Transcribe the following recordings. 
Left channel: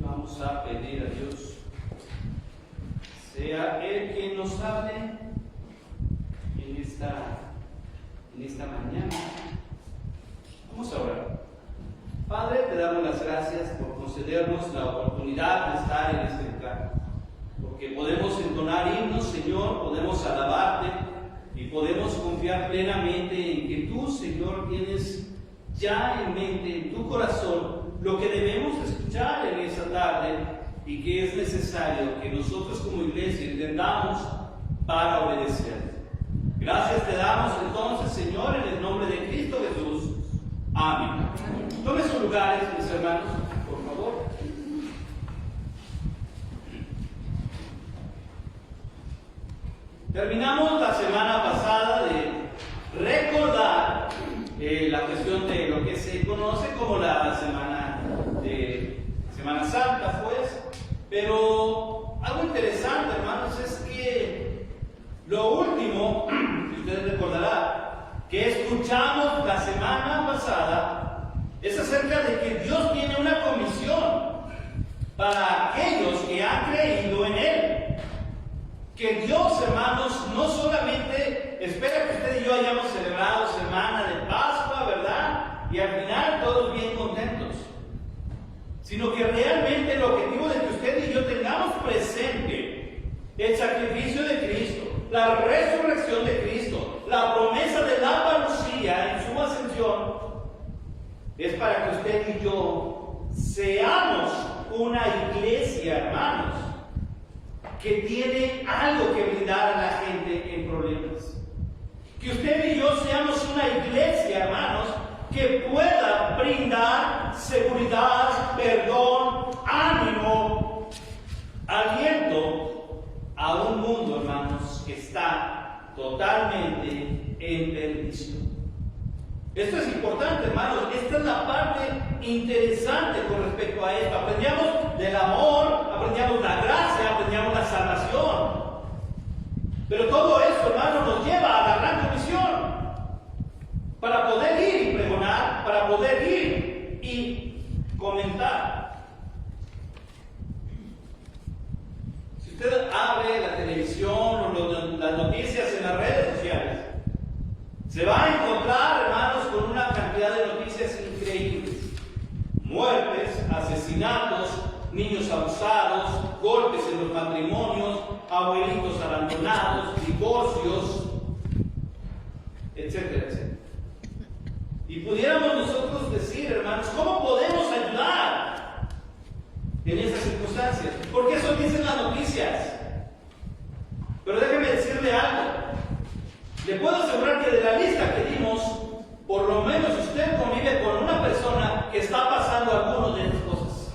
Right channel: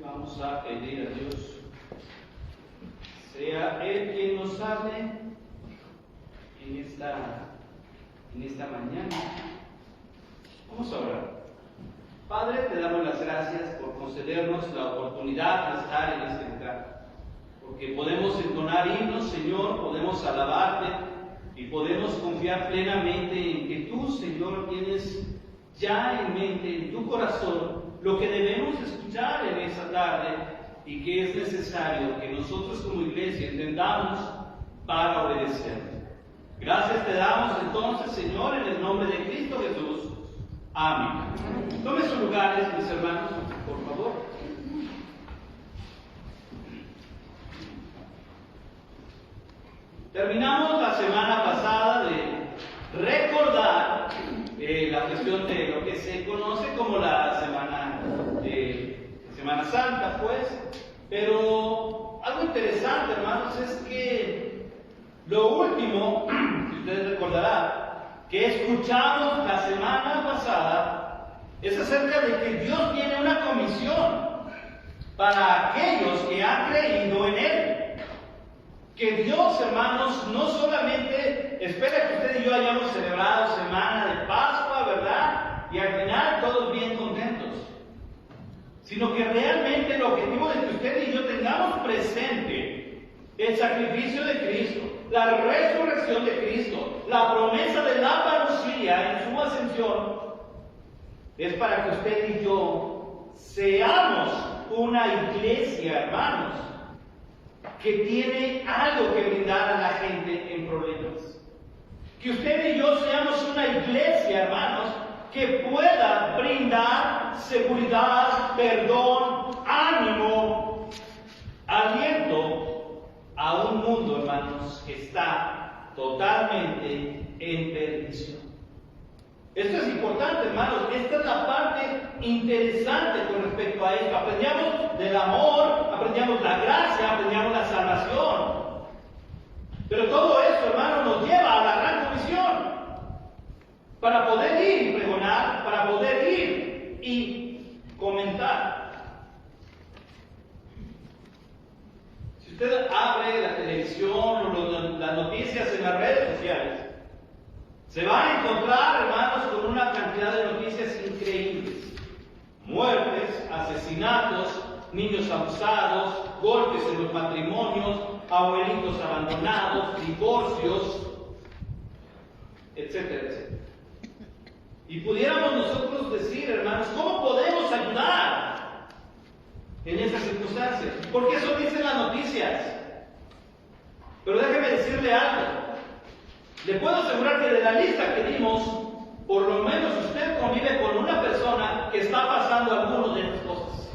Vamos a pedir a Dios, sea Él quien nos hable en esta mañana. Vamos a orar. Padre, te damos las gracias por concedernos la oportunidad de estar en este lugar, porque podemos entonar himnos, Señor, podemos alabarte y podemos confiar plenamente en que tú, Señor, tienes ya en mente, en tu corazón, lo que debemos escuchar en esta tarde y que es necesario que nosotros como iglesia entendamos para obedecer. Gracias te damos entonces, Señor, en el nombre de Cristo Jesús. Amén. Tomen sus lugares, mis hermanos, por favor. Terminamos la semana pasada de recordar la cuestión de lo que se conoce como la Semana Santa, pues. Pero algo interesante, hermanos, es que lo último, si ustedes recordarán, que escuchamos la semana pasada, es acerca de que Dios tiene una comisión para aquellos que han creído en Él. Que Dios, hermanos, no solamente espera que usted y yo hayamos celebrado Semana de Pascua, ¿verdad? Y al final todos bien contentos. Sino que realmente el objetivo de que usted y yo tengamos presente el sacrificio de Cristo, la resurrección de Cristo, la promesa de la parucía en su ascensión, es para que usted y yo seamos una iglesia, hermanos, que tiene algo que brindar a la gente en problemas. Que usted y yo seamos una iglesia, hermanos, que pueda brindar seguridad, perdón, ánimo, aliento a un mundo, hermanos, que está totalmente en perdición. Esto es importante, hermanos. Esta es la parte interesante con respecto a esto. Aprendíamos del amor, aprendíamos la gracia, aprendíamos la salvación. Pero todo esto, hermanos, nos lleva a la gran comisión. Para poder ir y pregonar, para poder ir y comentar. Si usted abre la televisión o las noticias en las redes sociales, se va a encontrar, hermanos, con una cantidad de noticias increíbles. Muertes, asesinatos, niños abusados, golpes en los matrimonios, abuelitos abandonados, divorcios, etcétera, etcétera. Y pudiéramos nosotros decir, hermanos, ¿cómo podemos ayudar en esas circunstancias? Porque eso dicen las noticias. Pero déjeme decirle algo. Le puedo asegurar que de la lista que dimos, por lo menos usted convive con una persona que está pasando alguna de estas cosas.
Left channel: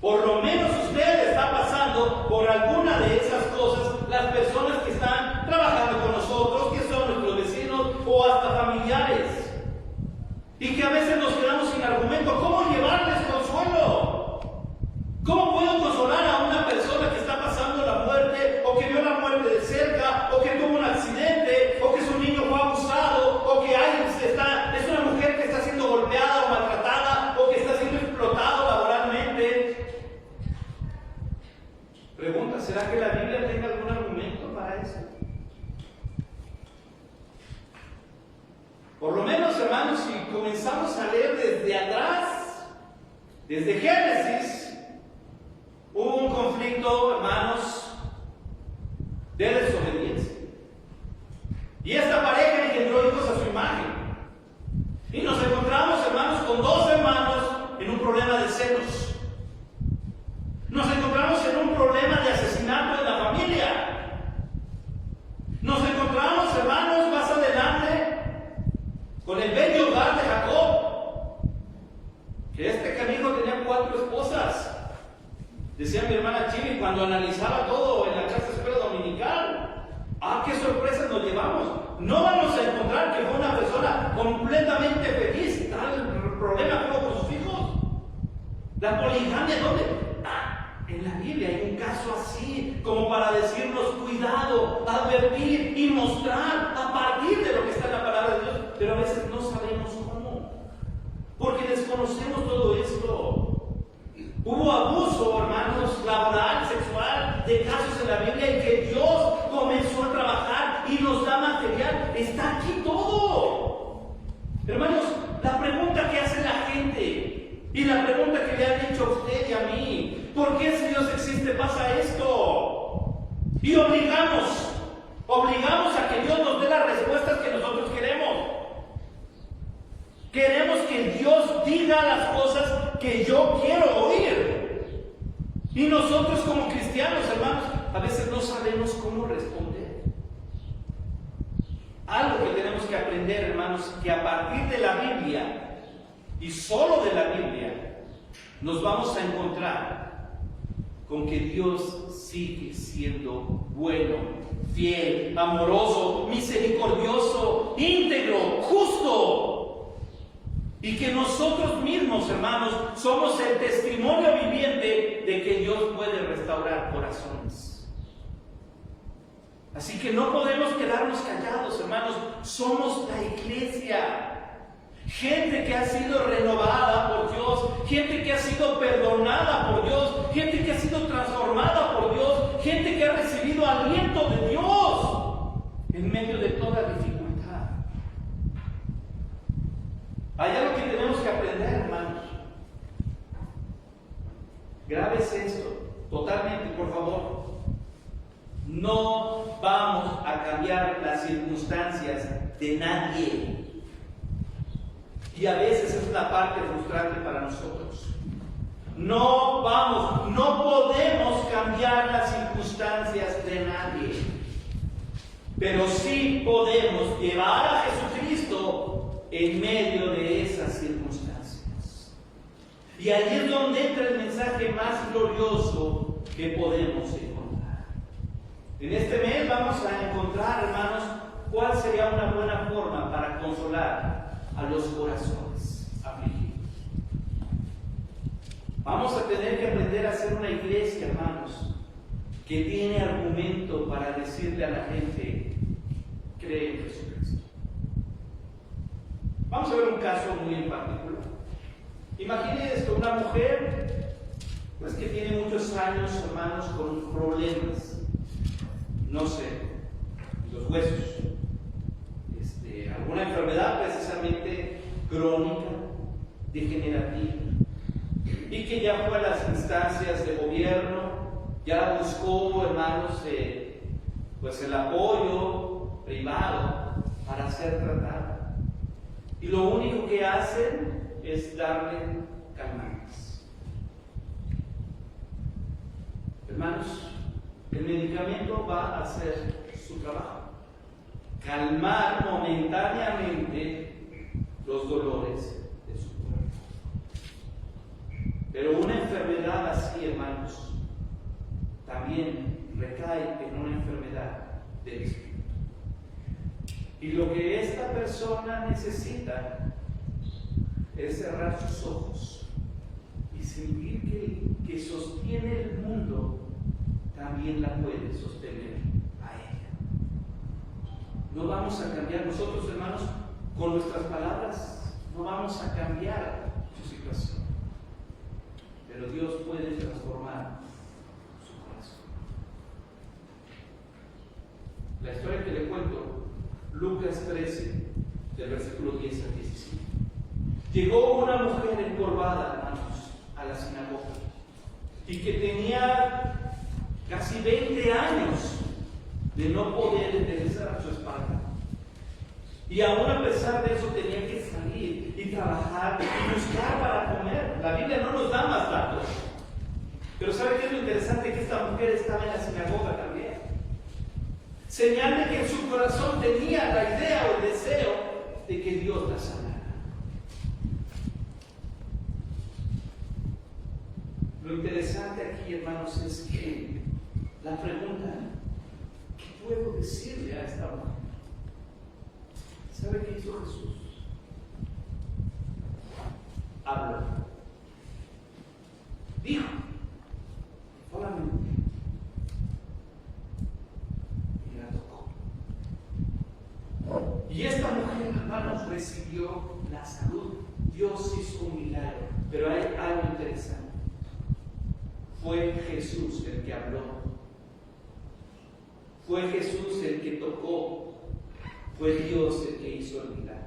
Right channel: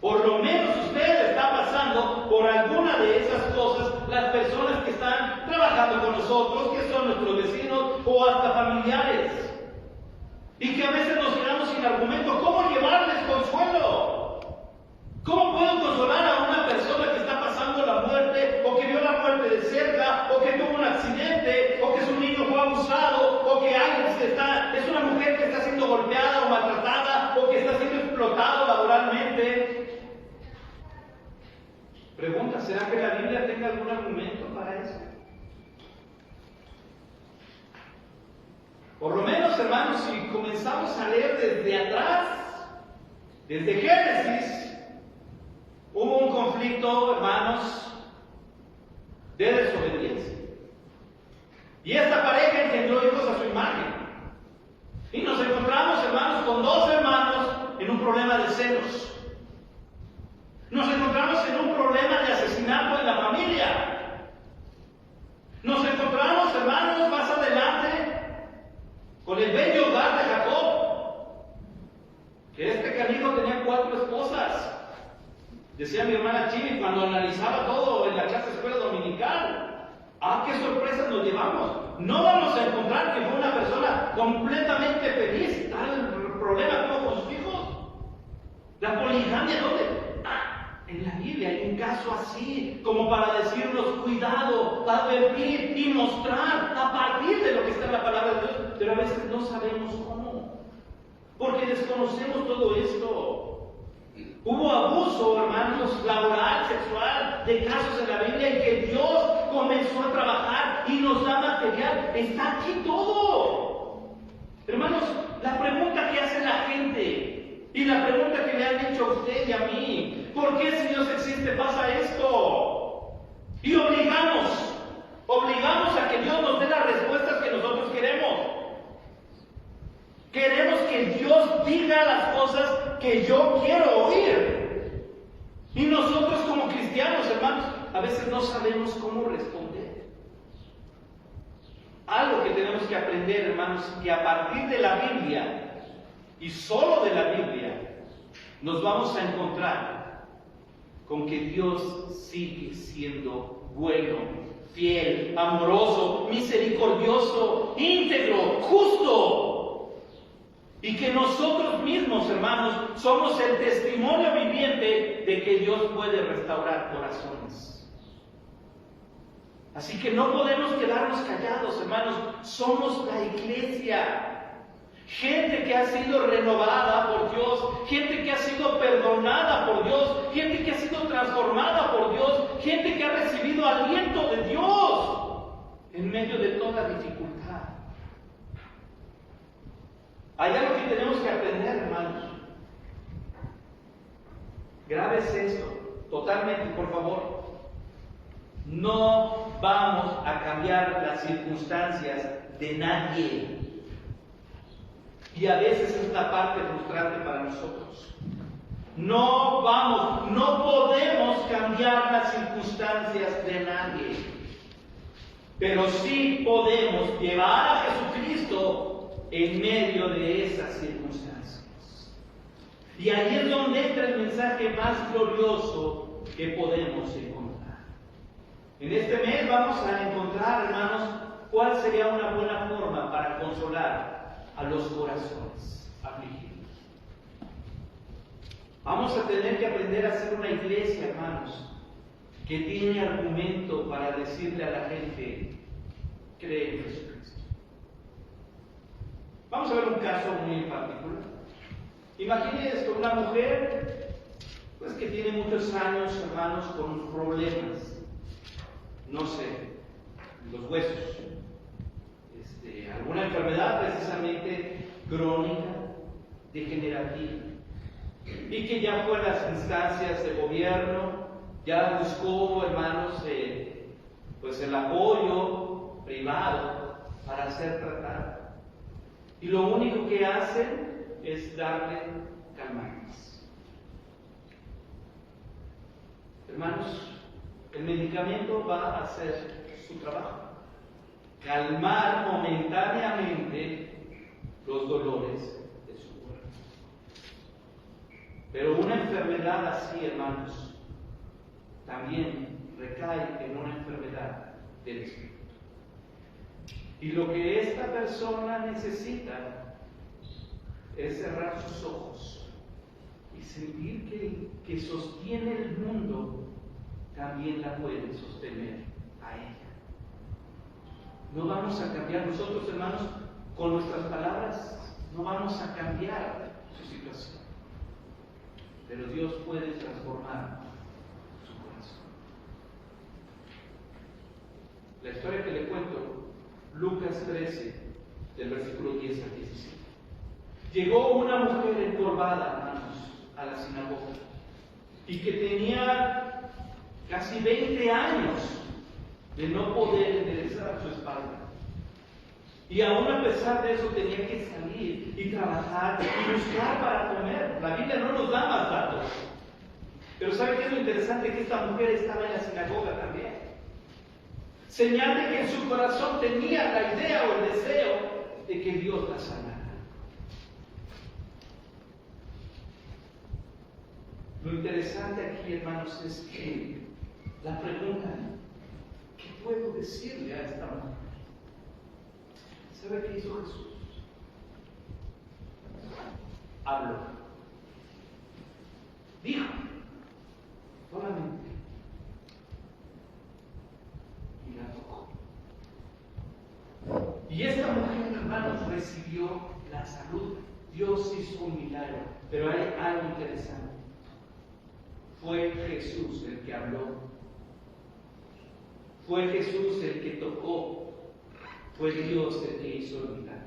Por lo menos usted está pasando por alguna de esas cosas, las personas que están trabajando con nosotros, que son nuestros vecinos o hasta familiares. Y que a veces nos quedamos sin argumento. ¿Cómo llevarles consuelo? ¿Cómo puedo consolar a una persona que está pasando la muerte, o que vio la muerte de cerca, o que tuvo un accidente, o que su niño fue abusado, o que es una mujer que está siendo golpeada o maltratada, o que está siendo explotado laboralmente? Pregunta, ¿será que la Biblia tenga algún argumento para eso? Por lo menos, hermanos, si comenzamos a leer desde atrás, desde Génesis, hubo un conflicto, hermanos, de desobediencia. Y esta pareja engendró hijos a su imagen. Y nos encontramos, hermanos, con dos hermanos en un problema de celos. Nos encontramos en un problema de asesinato en la familia. Nos encontramos, hermanos, más adelante con el bello hogar de Jacob, que este canijo tenía 4 esposas. Decía mi hermana Chini cuando analizaba todo en la clase de escuela dominical. ¡Ah, qué sorpresas nos llevamos! No vamos a encontrar que fue una persona completamente feliz, tal problema que tuvo con sus hijos. La poligamia, ¿dónde? En la Biblia hay un caso así, como para decirnos cuidado, advertir y mostrar a partir de lo que está en la palabra de Dios, pero a veces no sabemos cómo, porque desconocemos todo esto. Hubo abuso, hermanos, laboral, sexual, de casos en la Biblia en que Dios comenzó a trabajar y nos da material. Está aquí todo. Hermanos, la pregunta que hace la gente y la pregunta que le han hecho a usted y a mí: ¿por qué, si Dios existe, pasa esto? Y obligamos a que Dios nos dé las respuestas que nosotros queremos. Queremos que Dios diga las cosas que yo quiero oír. Y nosotros como cristianos, hermanos, a veces no sabemos cómo responder. Algo que tenemos que aprender, hermanos, que a partir de la Biblia, y solo de la Biblia, nos vamos a encontrar con que Dios sigue siendo bueno, fiel, amoroso, misericordioso, íntegro, justo. Y que nosotros mismos, hermanos, somos el testimonio viviente de que Dios puede restaurar corazones. Así que no podemos quedarnos callados, hermanos. Somos la iglesia. Gente que ha sido renovada por Dios, gente que ha sido perdonada por Dios, gente que ha sido transformada por Dios, gente que ha recibido aliento de Dios en medio de toda dificultad. Hay algo que tenemos que aprender, hermanos. Grábese esto totalmente, por favor. No vamos a cambiar las circunstancias de nadie. Y a veces es una parte frustrante para nosotros. No podemos cambiar las circunstancias de nadie. Pero sí podemos llevar a Jesucristo en medio de esas circunstancias. Y ahí es donde entra el mensaje más glorioso que podemos encontrar. En este mes vamos a encontrar, hermanos, cuál sería una buena forma para consolar a los corazones afligidos. Vamos a tener que aprender a ser una iglesia, hermanos, que tiene argumento para decirle a la gente: cree en Jesucristo. Vamos a ver un caso muy en particular. Imagine esto: una mujer pues que tiene muchos años, hermanos, con problemas, no sé, los huesos, alguna enfermedad precisamente crónica, degenerativa, y que ya fue a las instancias de gobierno, ya buscó, hermanos, pues el apoyo privado para ser tratada. Y lo único que hacen es darle calmantes. Hermanos, el medicamento va a hacer su trabajo: calmar momentáneamente los dolores de su cuerpo. Pero una enfermedad así, hermanos, también recae en una enfermedad del espíritu. Y lo que esta persona necesita es cerrar sus ojos y sentir que sostiene el mundo, también la puede sostener a ella. No vamos a cambiar nosotros, hermanos, con nuestras palabras, no vamos a cambiar su situación. Pero Dios puede transformar su corazón. La historia que le cuento, Lucas 13, del versículo 10 al 17. Llegó una mujer encorvada, hermanos, a la sinagoga, y que tenía casi 20 años de no poder enderezar su espalda. Y aún a pesar de eso tenía que salir y trabajar y buscar para comer. La Biblia no nos da más datos. Pero ¿sabe qué es lo interesante? Que esta mujer estaba en la sinagoga también. Señal de que en su corazón tenía la idea o el deseo de que Dios la sanara. Lo interesante aquí, hermanos, es que la pregunta: ¿qué puedo decirle a esta mujer? ¿Sabe qué hizo Jesús? Habló. Dijo. Solamente. Y la tocó. Y esta mujer, hermanos, recibió la salud. Dios hizo un milagro. Pero hay algo interesante. fue Jesús el que habló. Fue Jesús el que tocó. Fue Dios el que hizo el milagro.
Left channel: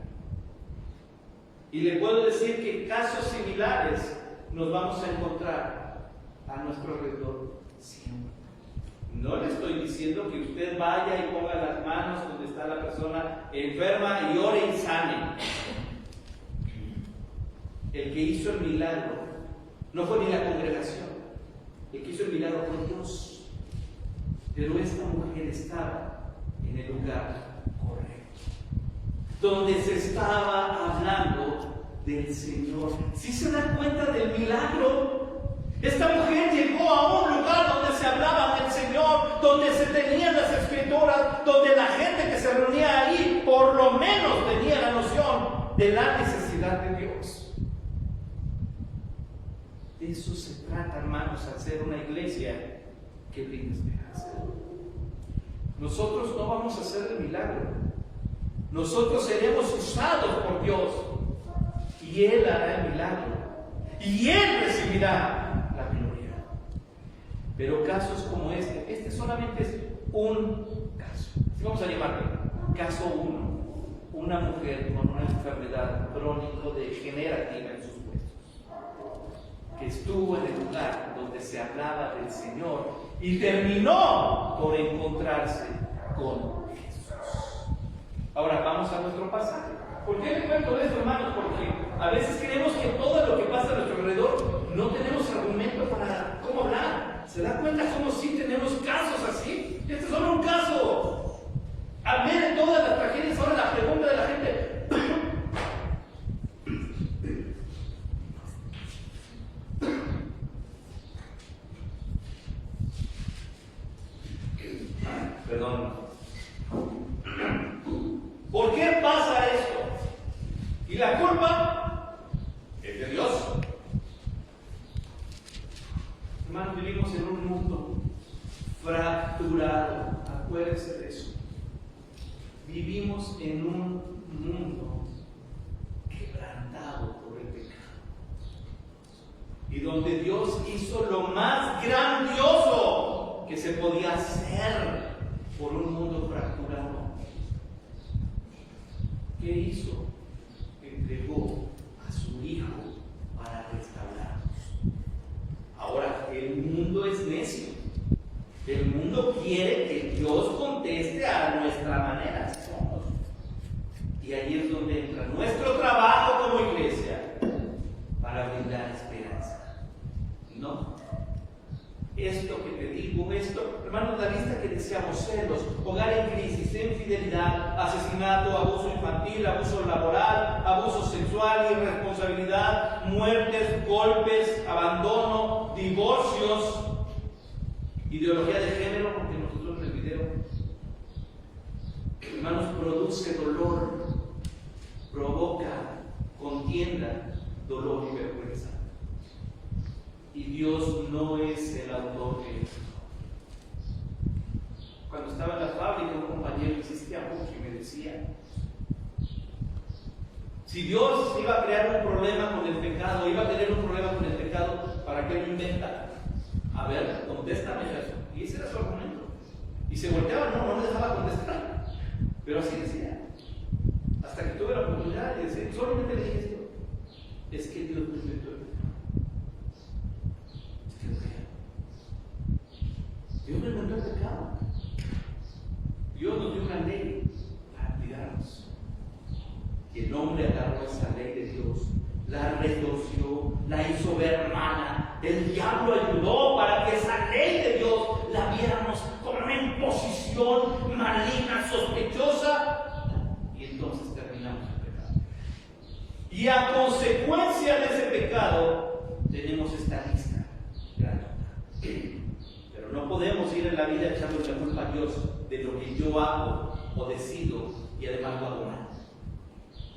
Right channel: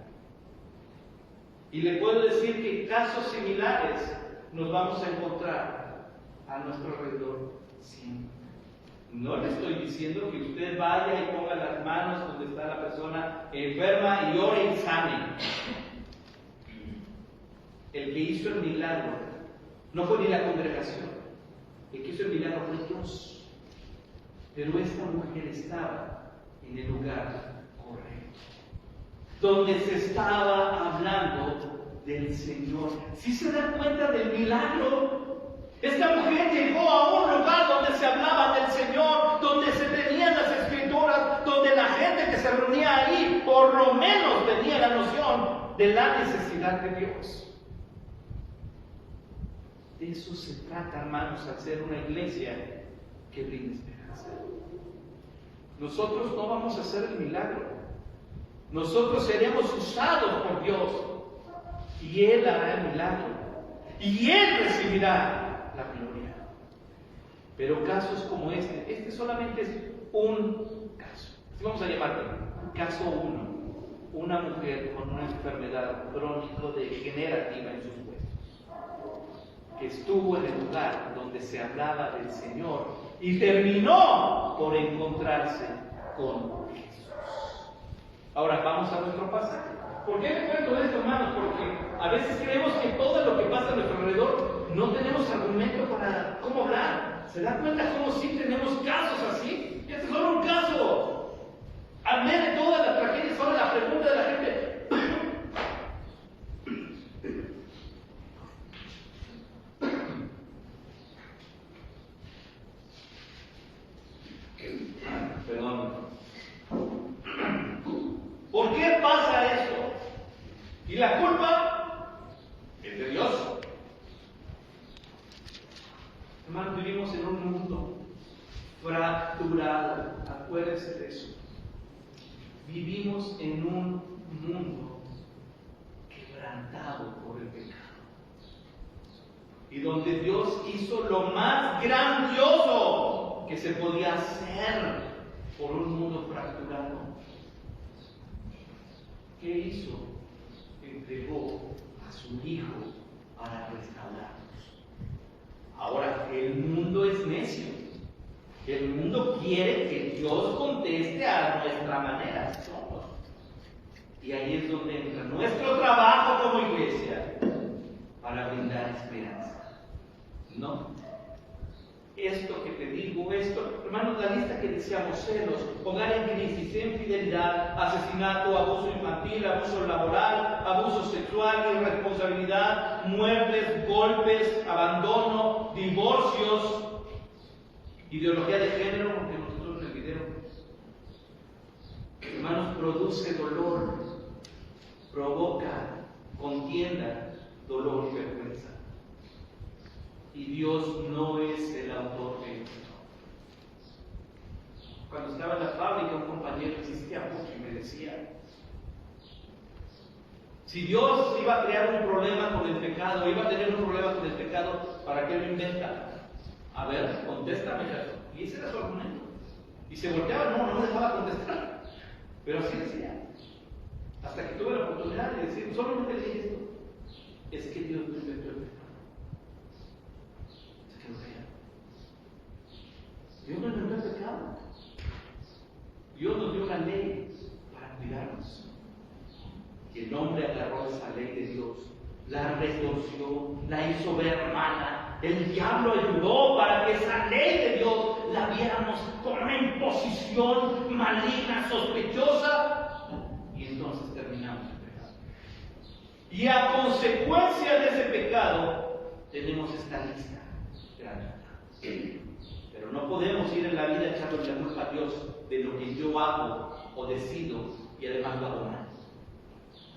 Y le puedo decir que casos similares nos vamos a encontrar a nuestro alrededor siempre. No le estoy diciendo que usted vaya y ponga las manos donde está la persona enferma y ore y sane. El que hizo el milagro no fue ni la congregación. El que hizo el milagro fue Dios. Pero esta mujer estaba en el lugar correcto, donde se estaba hablando del Señor. ¿Sí se dan cuenta del milagro? Esta mujer llegó a un lugar donde se hablaba del Señor, donde se tenían las escrituras, donde la gente que se reunía ahí por lo menos tenía la noción de la necesidad de Dios. De eso se trata, hermanos, al ser una iglesia que brinda esperanza. Nosotros no vamos a hacer el milagro. Nosotros seremos usados por Dios y Él hará el milagro y Él recibirá la gloria. Pero casos como este solamente es un caso. Así vamos a llamarlo. Caso 1. Una mujer con una enfermedad crónico-degenerativa en sus huesos, que estuvo en el lugar donde se hablaba del Señor y terminó por encontrarse con Jesús. Ahora vamos a nuestro pasaje. ¿Por qué me cuento esto, hermanos? Porque a veces creemos que todo lo que pasa a nuestro alrededor no tenemos argumento para cómo hablar. ¿Se dan cuenta cómo sí tenemos casos así? Este es solo un caso. Al ver de todas las tragedias, ahora la pregunta de la gente. Perdón. ¿Por qué pasa esto? Y la culpa es de Dios. Hermanos, vivimos en un mundo fracturado. Acuérdense de eso. Vivimos en un mundo quebrantado por el pecado. Y donde Dios hizo lo más grandioso que se podía hacer por un mundo fracturado. ¿Qué hizo? Entregó a su Hijo para restaurarnos. Ahora, el mundo es necio. El mundo quiere que Dios conteste a nuestra manera. Somos. Y ahí es donde entra nuestro trabajo como iglesia para brindar esperanza. No. Esto que te digo, hermanos, la lista que decíamos: celos, hogar en crisis, infidelidad, asesinato, abuso infantil, abuso laboral, abuso sexual, irresponsabilidad, muertes, golpes, abandono, divorcios, ideología de género, porque nosotros en el video, hermanos, produce dolor, provoca contienda, dolor y vergüenza. Y Dios no es el autor de esto. Cuando estaba en la fábrica, un compañero insistía mucho y me decía: si Dios iba a crear un problema con el pecado, iba a tener un problema con el pecado, ¿para qué lo inventa? A ver, contéstame eso. Y ese era su argumento. Y se volteaba, no me dejaba contestar. Pero así decía. Hasta que tuve la oportunidad de decir, solamente le dije esto: es que Dios no inventó el pecado. Dios no inventó el pecado. Dios nos dio una ley para cuidarnos. Y el hombre agarró esa ley de Dios, la retorció, la hizo ver mala. El diablo ayudó para que esa ley de Dios la viéramos como una imposición maligna, sospechosa. Y entonces terminamos el pecado. Y a consecuencia de ese pecado, tenemos esta lista grande. Pero no podemos ir en la vida echando la culpa a Dios de lo que yo hago o decido y además lo hago mal.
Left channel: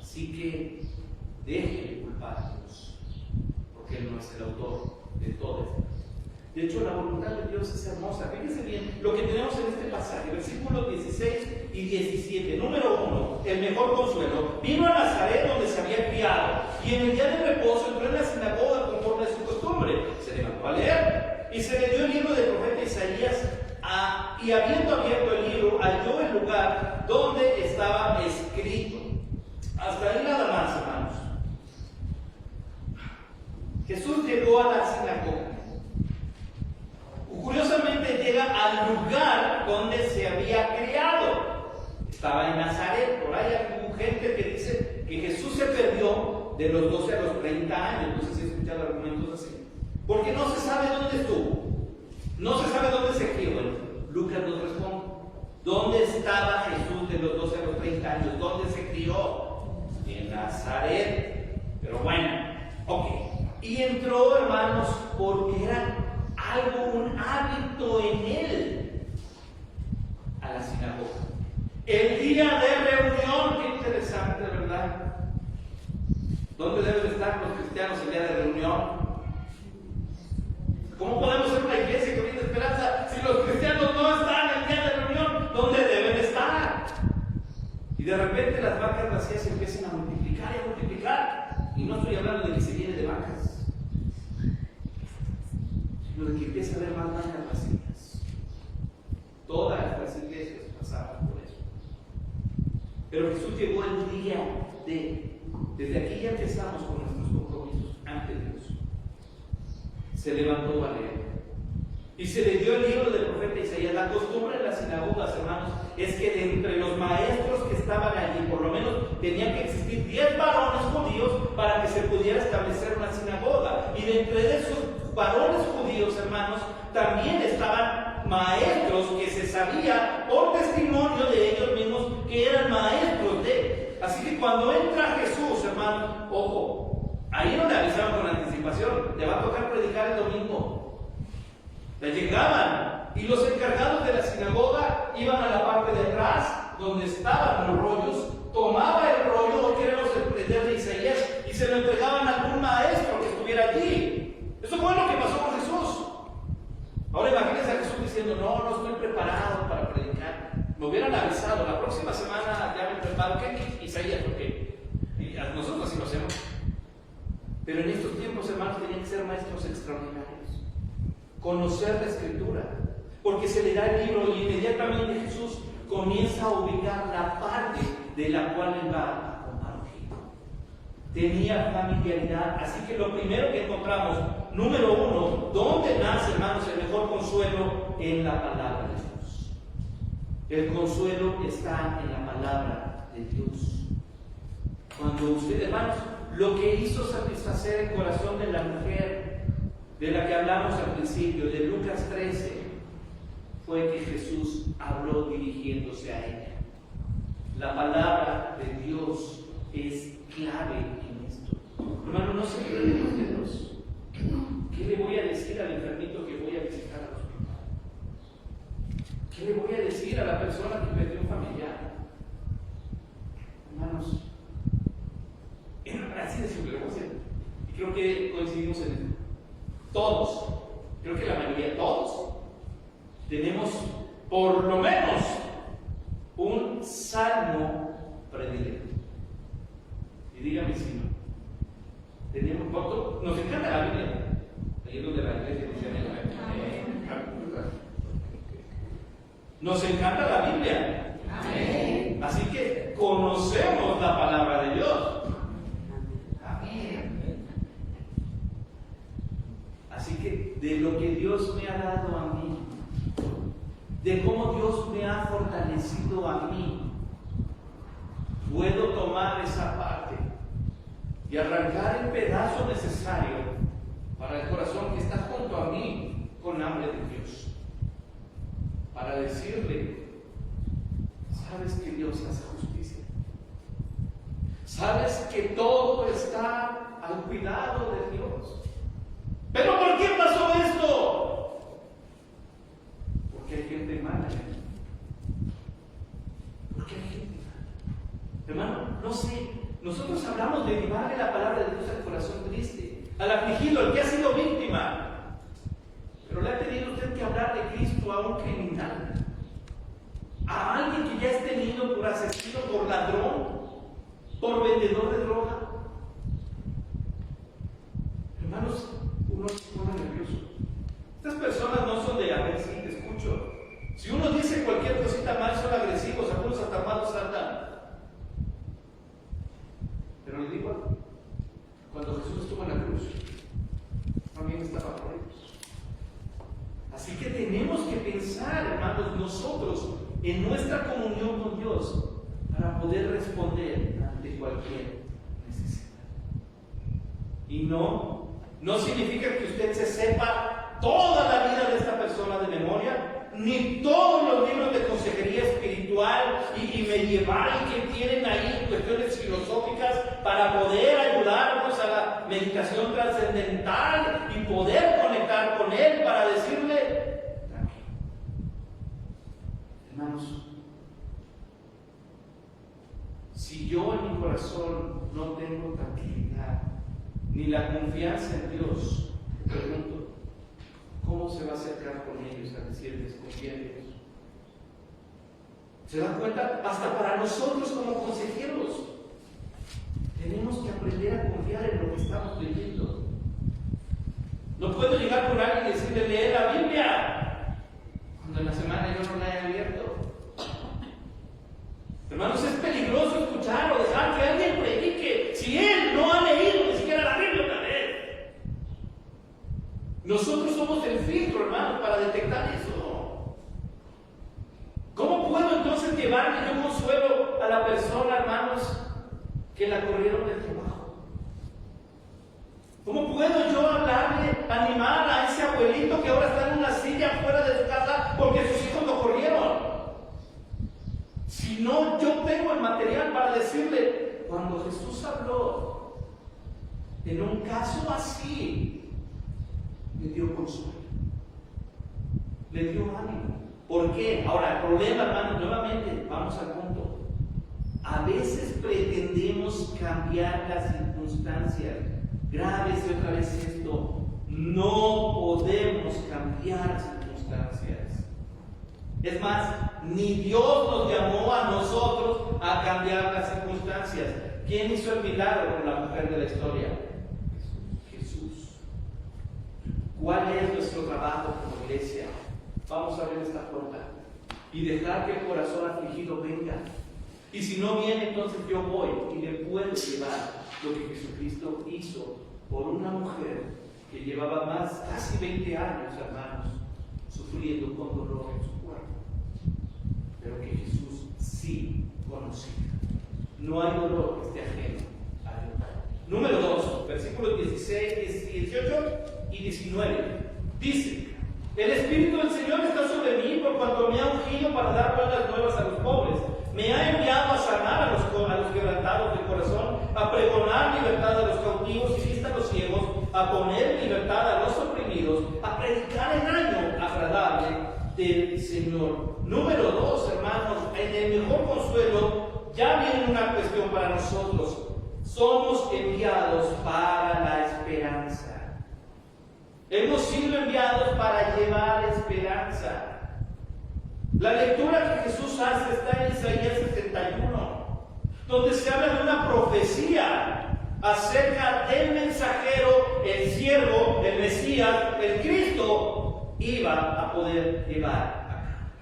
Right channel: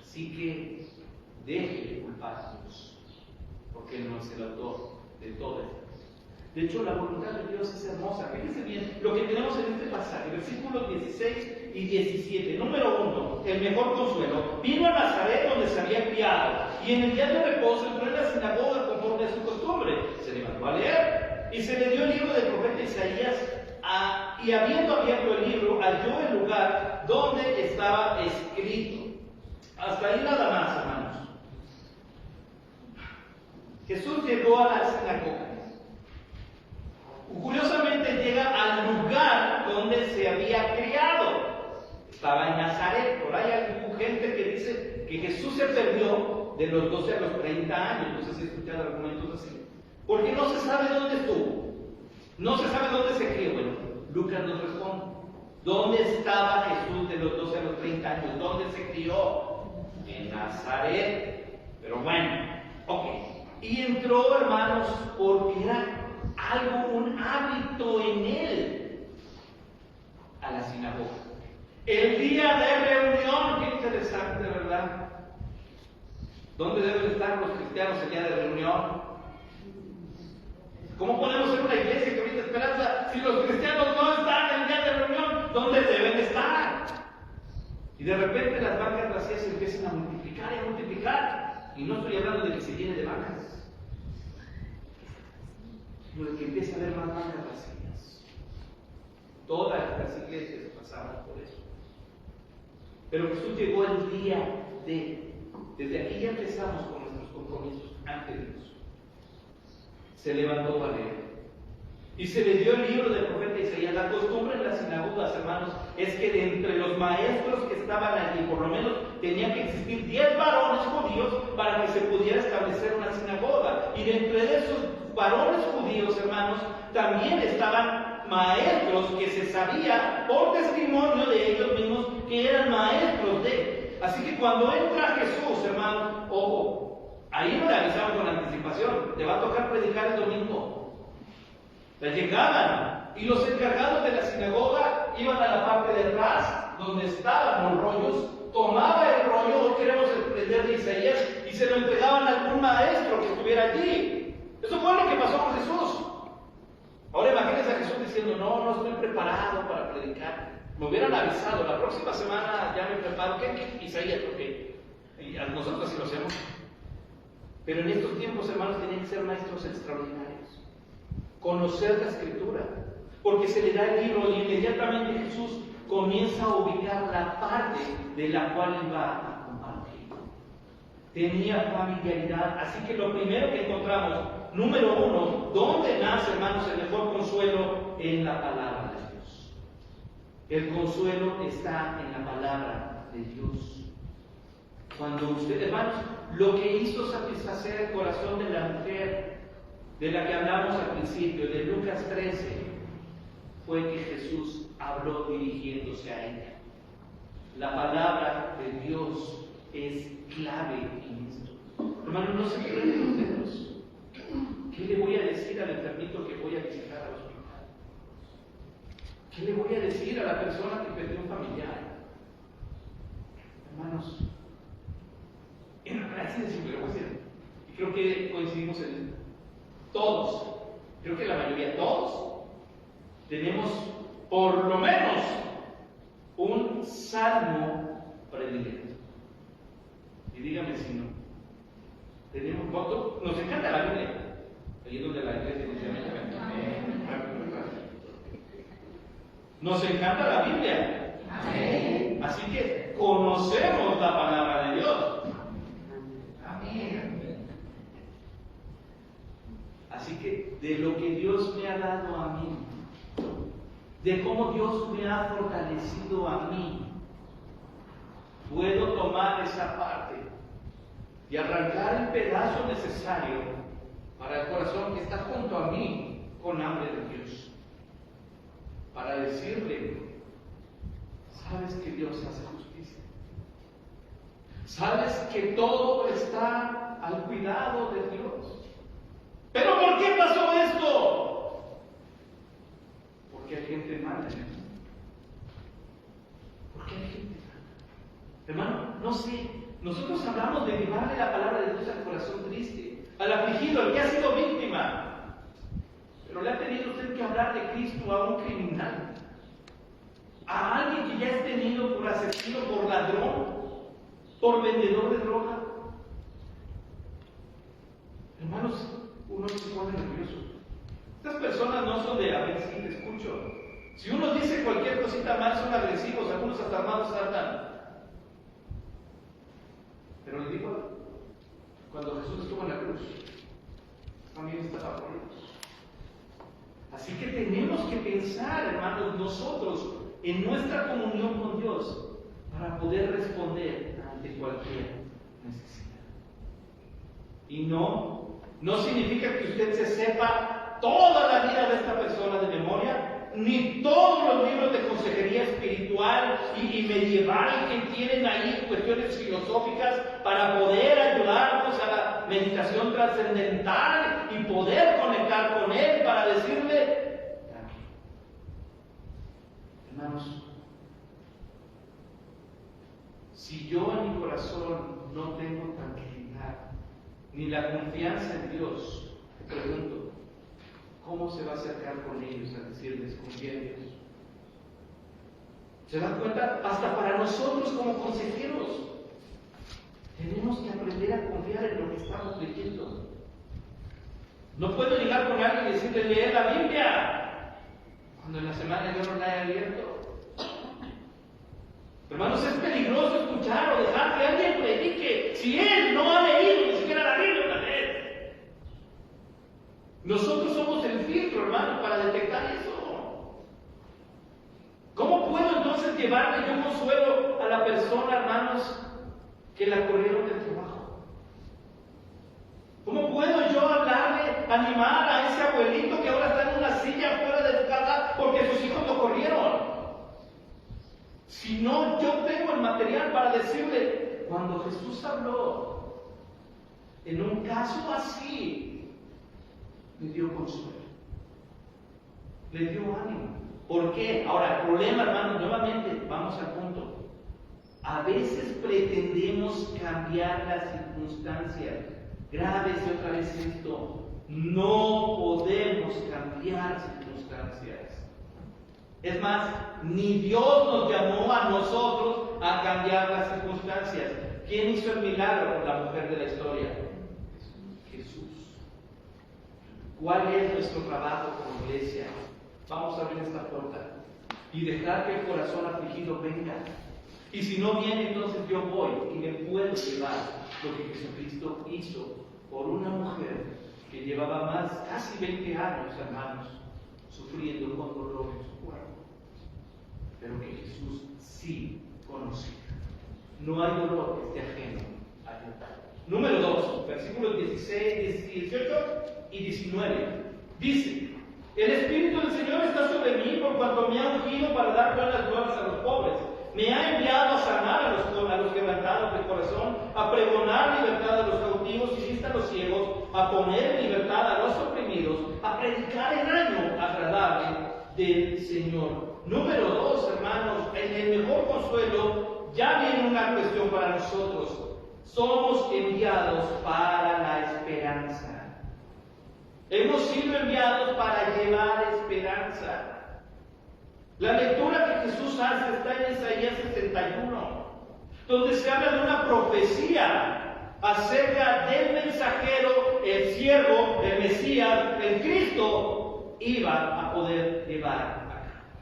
Así que deje de culpar a Dios, porque Él no es el autor de todo esto. De hecho, la voluntad de Dios es hermosa. Fíjense bien lo que tenemos en este pasaje, versículos 16 y 17. Número 1, el mejor consuelo. Vino a Nazaret, donde se había criado, y en el día de reposo entró en la sinagoga conforme a su costumbre. Se levantó a leer. y se le dio el libro del profeta Isaías, y habiendo abierto el libro, halló el lugar donde estaba escrito. Hasta ahí nada más, hermanos. Jesús llegó a la sinagoga. Curiosamente llega al lugar donde se había criado. Estaba en Nazaret. Por ahí hay gente que dice que Jesús se perdió de los 12 a los 30 años. No sé si he escuchado argumentos así. Porque no se sabe dónde estuvo. No se sabe dónde se crió. Bueno, Lucas nos responde. ¿Dónde estaba Jesús de los 12 a los 30 años? ¿Dónde se crió? En Nazaret. Pero bueno, ok. Y entró, hermanos, porque era algo, un hábito en él, a la sinagoga. El día de reunión, qué interesante, ¿verdad? ¿Dónde deben estar los cristianos el día de reunión? ¿Cómo podemos ser una iglesia que brinda esperanza si los cristianos no están el día de reunión? ¿Dónde deben estar? Y de repente las vacas vacías se empiezan a multiplicar y a multiplicar. Y no estoy hablando de que se llene de vacas, sino de que empiece a haber más vacas vacías. Todas las iglesias pasaban por eso. Pero Jesús llegó el día desde aquí ya empezamos con nuestros compromisos ante Dios. Se levantó a leer. Y se le dio el libro del profeta Isaías. La costumbre en las sinagogas, hermanos, es que de entre los maestros que estaban allí, por lo menos tenían que existir 10 varones judíos para que se pudiera establecer una sinagoga. Y dentro de esos varones judíos, hermanos, también estaban maestros que se sabía por testimonio de ellos mismos que eran maestros de. Así que cuando entra Jesús, hermano, ojo, ahí no le avisaban con anticipación, le va a tocar predicar el domingo. Le llegaban y los encargados de la sinagoga iban a la parte de atrás, donde estaban los rollos, tomaba el rollo, hoy queremos aprender de Isaías, y se lo entregaban a algún maestro que estuviera allí. Eso fue lo que pasó con Jesús. Ahora imagínense a Jesús diciendo, no estoy preparado para predicar. Me hubieran avisado, la próxima semana ya me preparo. ¿Qué? Isaías, ok. Y a nosotros sí lo hacemos. Pero en estos tiempos, hermanos, tenían que ser maestros extraordinarios. Conocer la Escritura. Porque se le da el libro y inmediatamente Jesús comienza a ubicar la parte de la cual él va a compartir. Tenía familiaridad. Así que lo primero que encontramos, número uno, ¿dónde nace, hermanos, el mejor consuelo? En la palabra de Dios. El consuelo está en la palabra de Dios. Cuando usted, hermanos, lo que hizo satisfacer el corazón de la mujer de la que hablamos al principio, de Lucas 13, fue que Jesús habló dirigiéndose a ella. La palabra de Dios es clave en esto. Hermano, no se pierden los dedos. ¿Qué le voy a decir al enfermito que voy a visitar al hospital? ¿Qué le voy a decir a la persona que perdió un familiar? Hermanos, así de simple, voy a decir. Y creo que coincidimos en esto. Todos, creo que la mayoría, todos, tenemos por lo menos un salmo predilecto. Y dígame si no. Tenemos, nos encanta la Biblia. Ahí es donde la iglesia dice nos encanta la Biblia. Amén. Así que conocemos la palabra de Dios. Amén. Así que de lo que Dios me ha dado a mí, de cómo Dios me ha fortalecido a mí, puedo tomar esa parte y arrancar el pedazo necesario para el corazón que está junto a mí con hambre de Dios, para decirle, sabes que Dios hace justicia, sabes que todo está al cuidado de Dios. ¿Pero por qué pasó esto? Porque hay gente mala. Porque hay gente mala. Hermano, no sé, nosotros hablamos de llevarle la palabra de Dios al corazón triste, al afligido, al que ha sido víctima. Pero le ha tenido usted que hablar de Cristo a un criminal, a alguien que ya es tenido por asesino, por ladrón, por vendedor de droga. Hermanos, uno se pone nervioso. Estas personas no son de a ver si te escucho. Si uno dice cualquier cosita mal, son agresivos, algunos hasta armados saltan. Pero le digo algo, cuando Jesús estuvo en la cruz, también estaba por ellos. Así que tenemos que pensar, hermanos, nosotros en nuestra comunión con Dios para poder responder ante cualquier necesidad. Y no significa que usted se sepa toda la vida de esta persona de memoria, ni todos los libros de consejería espiritual y medieval que tienen ahí cuestiones filosóficas para poder ayudarnos a la meditación trascendental y poder conectar con Él para decirle, tranquilo. Hermanos, si yo en mi corazón no tengo tranquilidad ni la confianza en Dios, te pregunto, ¿cómo se va a acercar con ellos a decirles, confía en Dios? ¿Se dan cuenta? Hasta para nosotros como consejeros tenemos que aprender a confiar en lo que estamos leyendo. No puedo llegar con alguien y decirle, lee la Biblia, cuando en la semana yo no la he abierto. Hermanos, es peligroso escuchar o dejar que alguien predique si él no ha leído ni siquiera la Biblia una vez. Nosotros somos el filtro, hermanos, para detectar eso. ¿Cómo puedo entonces llevarle yo consuelo a la persona, hermanos, que la corrieron del trabajo? ¿Cómo puedo yo hablarle, animar a ese abuelito que ahora está en una silla fuera de su casa porque sus hijos lo corrieron? Si no, yo tengo el material para decirle, cuando Jesús habló en un caso así, le dio consuelo, le dio ánimo. ¿Por qué? Ahora, el problema, hermanos, nuevamente, vamos al punto. A veces pretendemos cambiar las circunstancias. Grábese otra vez esto. No podemos cambiar circunstancias. Es más, ni Dios nos llamó a nosotros a cambiar las circunstancias. ¿Quién hizo el milagro con la mujer de la historia? Jesús. ¿Cuál es nuestro trabajo como iglesia? Vamos a abrir esta puerta y dejar que el corazón afligido venga. Y si no viene, entonces yo voy y le puedo llevar lo que Jesucristo hizo por una mujer que llevaba casi 20 años, hermanos, sufriendo con dolor en su cuerpo, pero que Jesús sí conocía. No hay dolor que esté ajeno a Dios. Número 2, versículos 16, 18 y 19. Dice: el Espíritu del Señor está sobre mí por cuanto me ha ungido para dar buenas nuevas a los pobres. Me ha enviado a sanar a los quebrantados de corazón, a pregonar libertad a los cautivos y vista a los ciegos, a poner libertad a los oprimidos, a predicar el año agradable del Señor. Número 2, hermanos, en el mejor consuelo ya viene una cuestión para nosotros. Somos enviados para la esperanza. Hemos sido enviados para llevar esperanza. La lectura que Jesús hace está en Isaías 71, donde se habla de una profecía acerca del mensajero, el siervo, el Mesías, el Cristo, iba a poder llevar acá.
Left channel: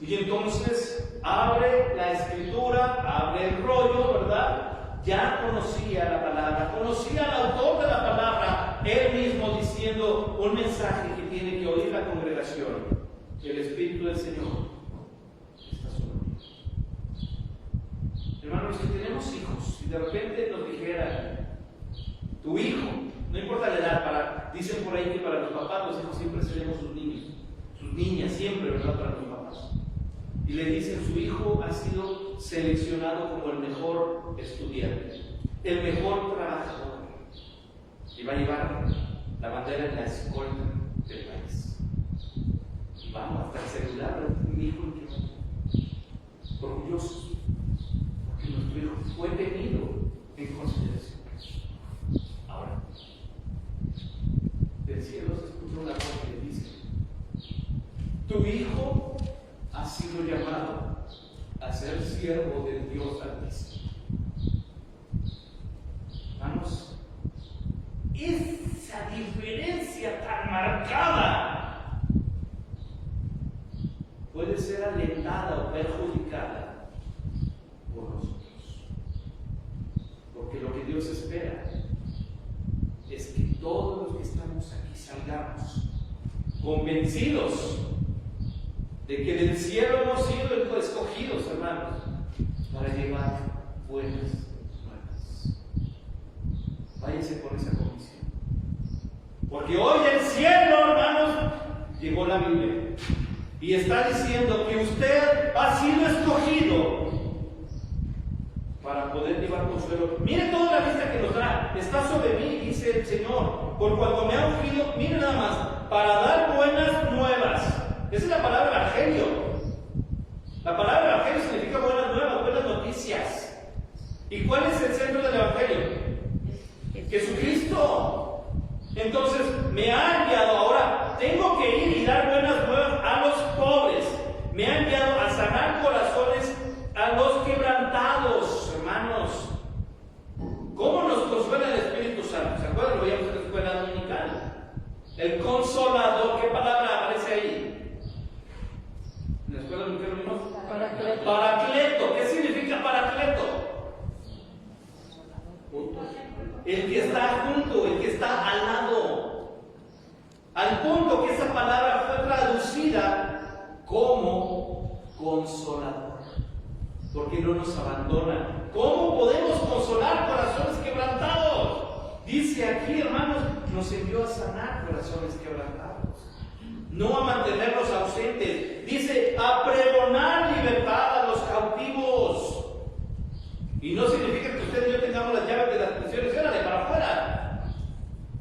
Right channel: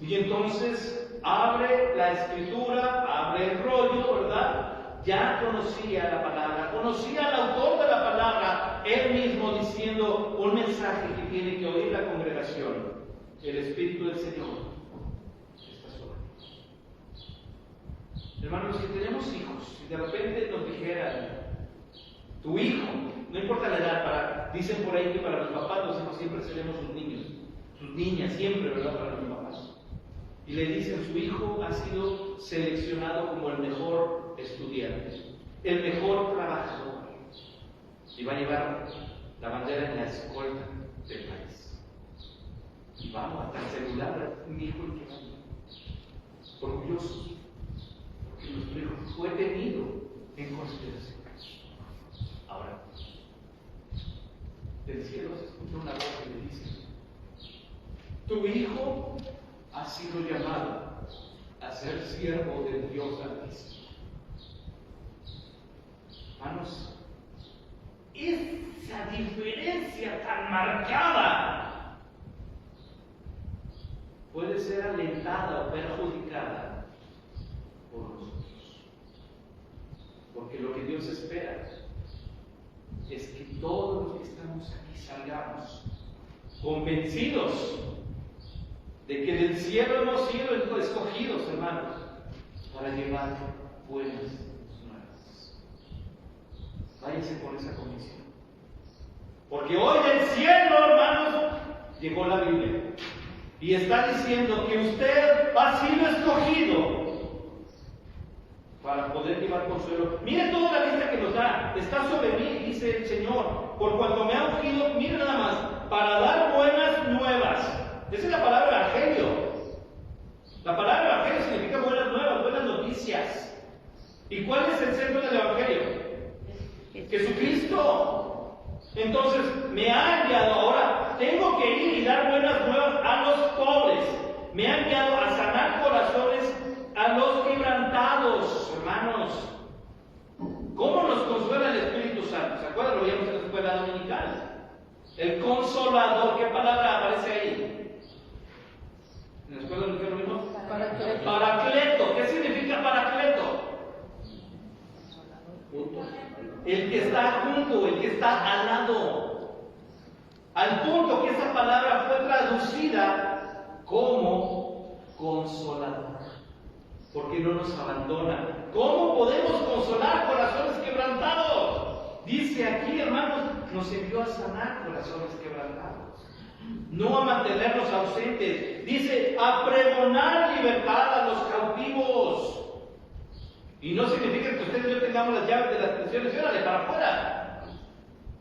Y entonces abre la escritura, abre el rollo, ¿verdad? Ya conocía la palabra, conocía al autor de la palabra, él mismo diciendo un mensaje que tiene que oír la congregación. El Espíritu del Señor está sobre mí. Hermanos, si tenemos hijos, si de repente nos dijeran, tu hijo, no importa la edad, dicen por ahí que para los papás los hijos siempre seremos sus niños, sus niñas, siempre, ¿verdad? Para los papás. Y le dicen, su hijo ha sido seleccionado como el mejor estudiante, el mejor trabajador, y va a llevar la bandera en la escolta del país. Y vamos hasta el celular, mi hijo, orgullosos, porque nuestro hijo fue tenido en consideración. Ahora, del cielo se escucha una voz que le dice: tu hijo ha sido llamado a ser siervo del Dios Altísimo. Hermanos, esa diferencia tan marcada puede ser alentada o perjudicada por nosotros. Porque lo que Dios espera es que todos los que estamos aquí salgamos convencidos de que del cielo hemos sido escogidos, hermanos, para llevar buenas nuevas. Váyase por esa convicción. Porque hoy del cielo, hermanos, llegó la Biblia y está diciendo que usted ha sido escogido para poder llevar consuelo. Mire toda la lista que nos da. Está sobre mí, dice el Señor, por cuanto me ha ungido, mire nada más, para dar buenas nuevas. Esa es la palabra evangelio. La palabra evangelio significa buenas nuevas, buenas noticias. ¿Y cuál es el centro del evangelio? Jesucristo. Entonces me ha enviado, ahora tengo que ir y dar buenas nuevas a los pobres. Me ha enviado a sanar corazones a los quebrantados, hermanos. ¿Cómo nos consuela el Espíritu Santo? ¿Se acuerdan? Lo veíamos en la escuela dominical. El Consolador, ¿qué palabra aparece ahí? ¿En la escuela dominical lo vimos? Paracleto. Paracleto. ¿Qué significa Paracleto? El que está junto, el que está al lado. Al punto que esa palabra fue traducida como Consolador. Porque no nos abandona. ¿Cómo podemos consolar corazones quebrantados? Dice aquí, hermanos, nos envió a sanar corazones quebrantados, no a mantenerlos ausentes. Dice, a pregonar libertad a los cautivos. Y no significa que usted y yo tengamos las llaves de las prisiones y órale para afuera.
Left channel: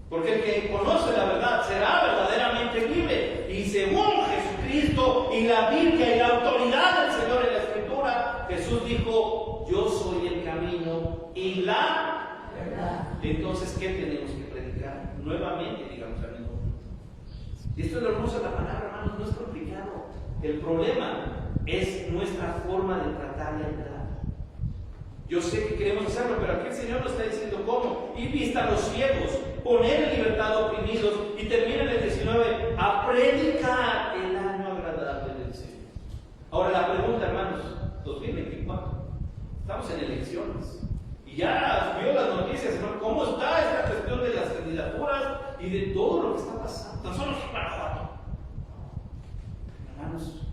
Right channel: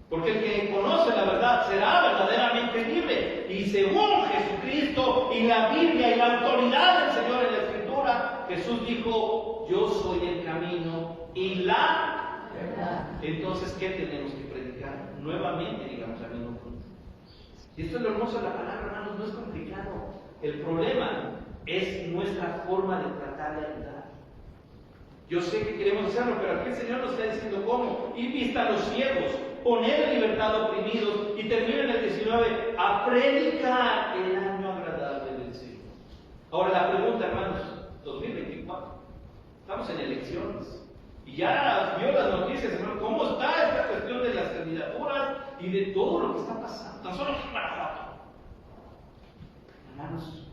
Porque el que conoce la verdad será verdaderamente libre. Y según Jesucristo y la Biblia y la autoridad del Señor en la Escritura, Jesús dijo, yo soy el camino y la verdad. Entonces, ¿qué tenemos que predicar? Nuevamente, digamos, al mismo punto. Y esto es lo hermoso de la palabra, hermanos, no es complicado. El problema es nuestra forma de tratar la verdad. Yo sé que queremos hacerlo, pero aquí el Señor nos está diciendo cómo. Y vista a los ciegos, poner en libertad a oprimidos, y termina en el 19, a predicar el año agradable del Señor. Ahora la pregunta, hermanos, 2024, estamos en elecciones. Y ya vio las noticias, hermano, cómo está esta cuestión de las candidaturas y de todo lo que está pasando. Tan solo es Guanajuato. Hermanos,